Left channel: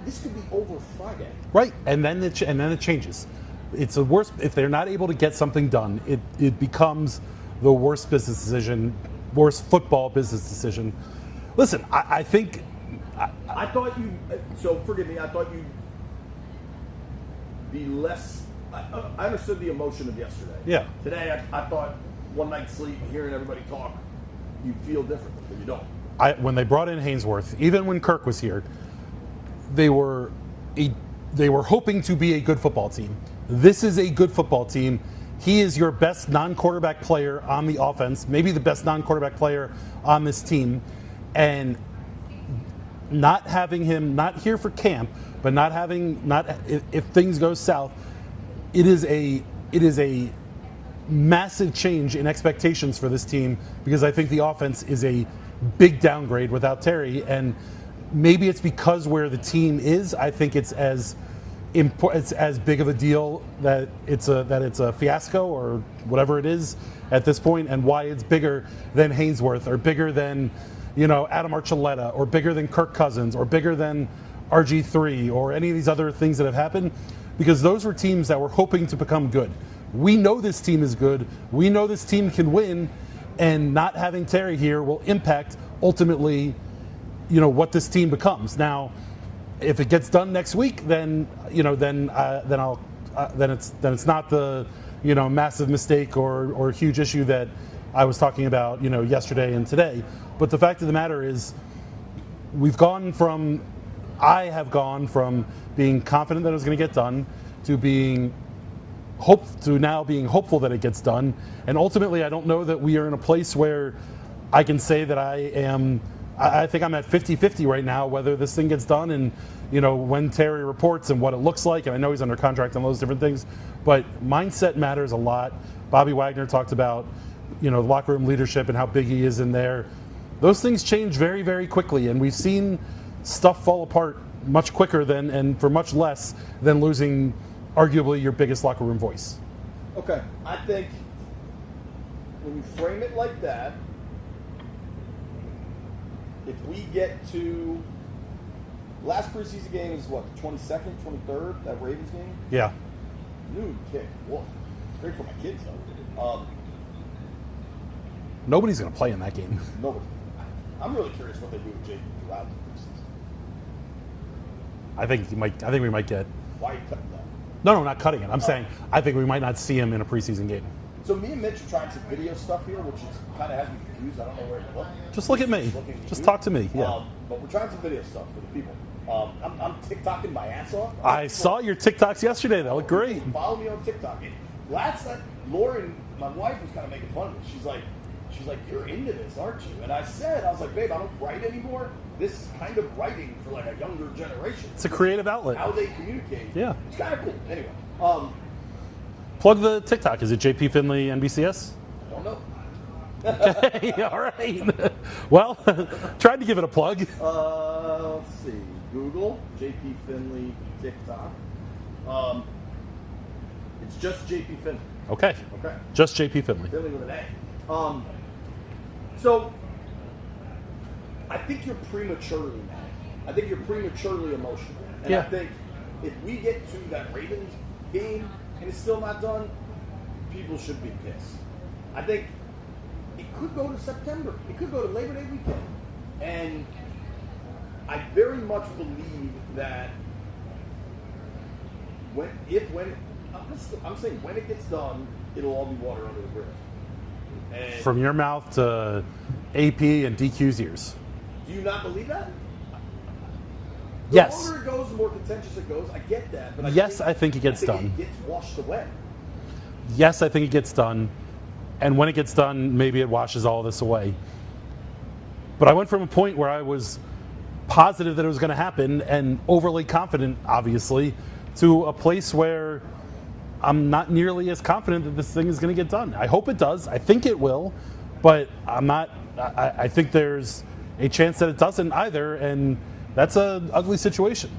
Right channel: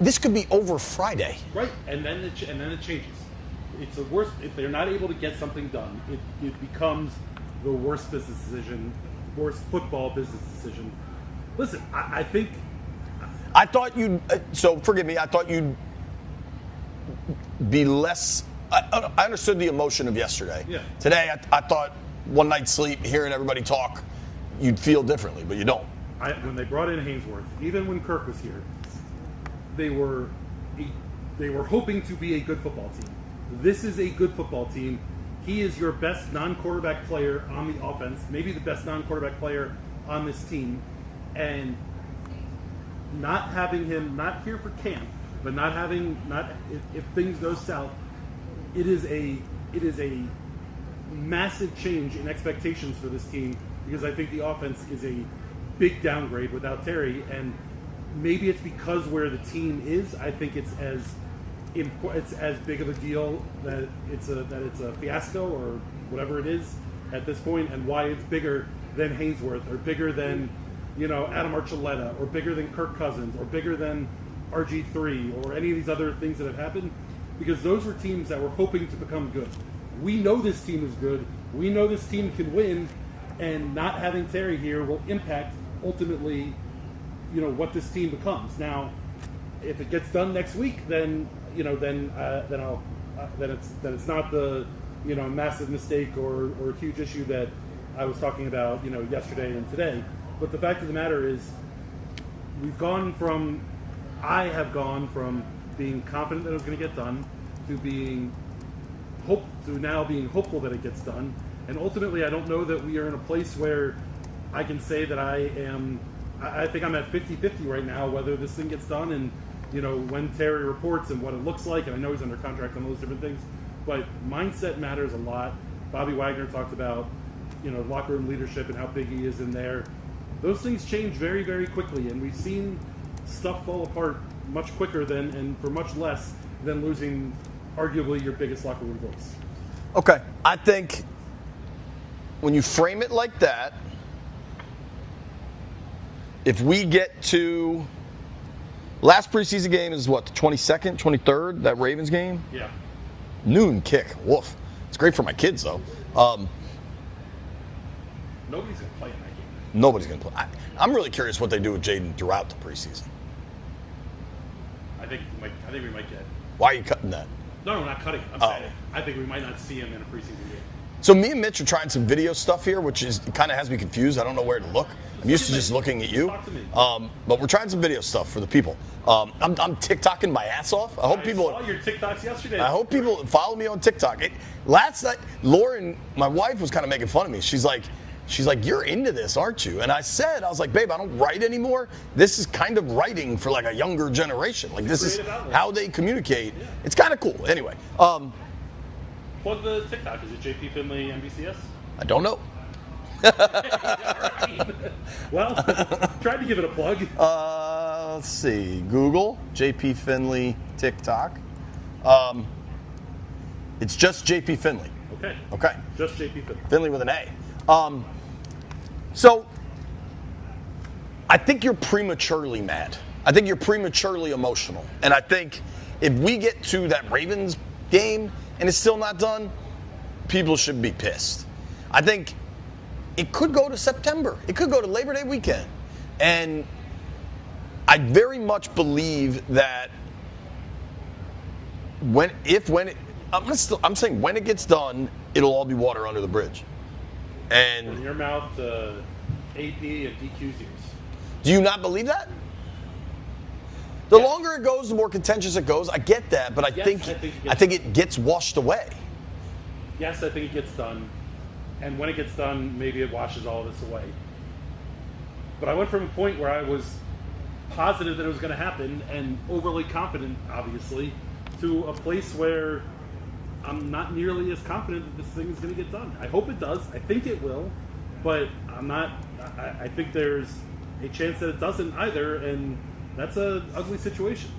this could be over Friday. Right, and then it changes. It's the worst if they're not able to get something done. It becomes the worst business decision, worst football business decision. Listen, I think I thought you'd. So forgive me. I thought you'd be less. I understood the emotion of yesterday. Yeah. Today, I thought one night's sleep, hearing everybody talk, you'd feel differently, but you don't. When they brought in Hainsworth, even when Kirk was here, they were hoping to be a good football team. This is a good football team. He is your best non-quarterback player on the offense, maybe the best non-quarterback player on this team, and not having him not here for camp, but if things go south, it is a massive change in expectations for this team, because I think the offense is a big downgrade without Terry, and maybe it's because where the team is. I think it's as big of a deal that it's a fiasco or whatever it is at this point, and why it's bigger than Hainsworth or bigger than Adam Archuleta or bigger than Kirk Cousins or bigger than RG3 or any of these other things that have happened, because those were teams that were hoping to become good. We know this team is good. We know this team can win, and not having Terry here will impact ultimately, what this team becomes. Now, if it gets done next week, then it's not the massive mistake or huge issue that I was talking about yesterday and today. But the fact of the matter is, I have gone from being confident that it was going to get done to now being hopeful that it gets done. And ultimately, I don't know that we are in a place where I can say that I think I'm at 50-50 right now, whether this thing gets done and, when Terry reports and what it looks like. And I know he's under contract on those different things, but mindset matters a lot. Bobby Wagner talked about, locker room leadership and how big he is in there. Those things change very, very quickly, and we've seen stuff fall apart much quicker and for much less than losing arguably your biggest locker room voice. Okay. I think when you frame it like that, if we get to last preseason game is what, the 22nd, 23rd, that Ravens game? Yeah. Noon kick. Woof. It's great for my kids, though. Nobody's going to play in that game. Nobody's going to play. I'm really curious what they do with Jaden throughout the preseason. I think we might get. Why are you cutting that? No, not cutting it. I'm saying I think we might not see him in a preseason game. So me and Mitch are trying some video stuff here, which kind of has me confused. I don't know where to look. Just look at me. Just looking at you. Just talk to me. Yeah. But we're trying some video stuff for the people. I'm TikToking my ass off. I saw your TikToks yesterday. I hope people follow me on TikTok. Last night, Lauren, my wife, was kind of making fun of me. She's like, you're into this, aren't you? And I was like, babe, I don't write anymore. This is kind of writing for like a younger generation. Like, it's a creative outlet. How they communicate. Yeah. It's kind of cool. Anyway. Plug the TikTok. Is it JP Finley NBCS? I don't know. Okay, all right. Well, tried to give it a plug. Let's see. Google JP Finley TikTok. It's just JP Finley. Okay. Just JP Finley. Finley with an A. So I think you're prematurely mad. I think you're prematurely emotional. And I think if we get to that Ravens game and it's still not done, people should be pissed. I think it could go to September. It could go to Labor Day weekend. And I very much believe that I'm saying when it gets done, it'll all be water under the bridge. And from your mouth to AP and DQ's ears. Do you not believe that? Yes. Longer it goes, the more contentious it goes. I get that, but I think it gets washed away. Yes, I think it gets done. And when it gets done, maybe it washes all this away. But I went from a point where I was positive that it was going to happen and overly confident, obviously, to a place where I'm not nearly as confident that this thing is going to get done. I hope it does. I think it will. But I'm not. I think there's a chance that it doesn't either. And that's an ugly situation.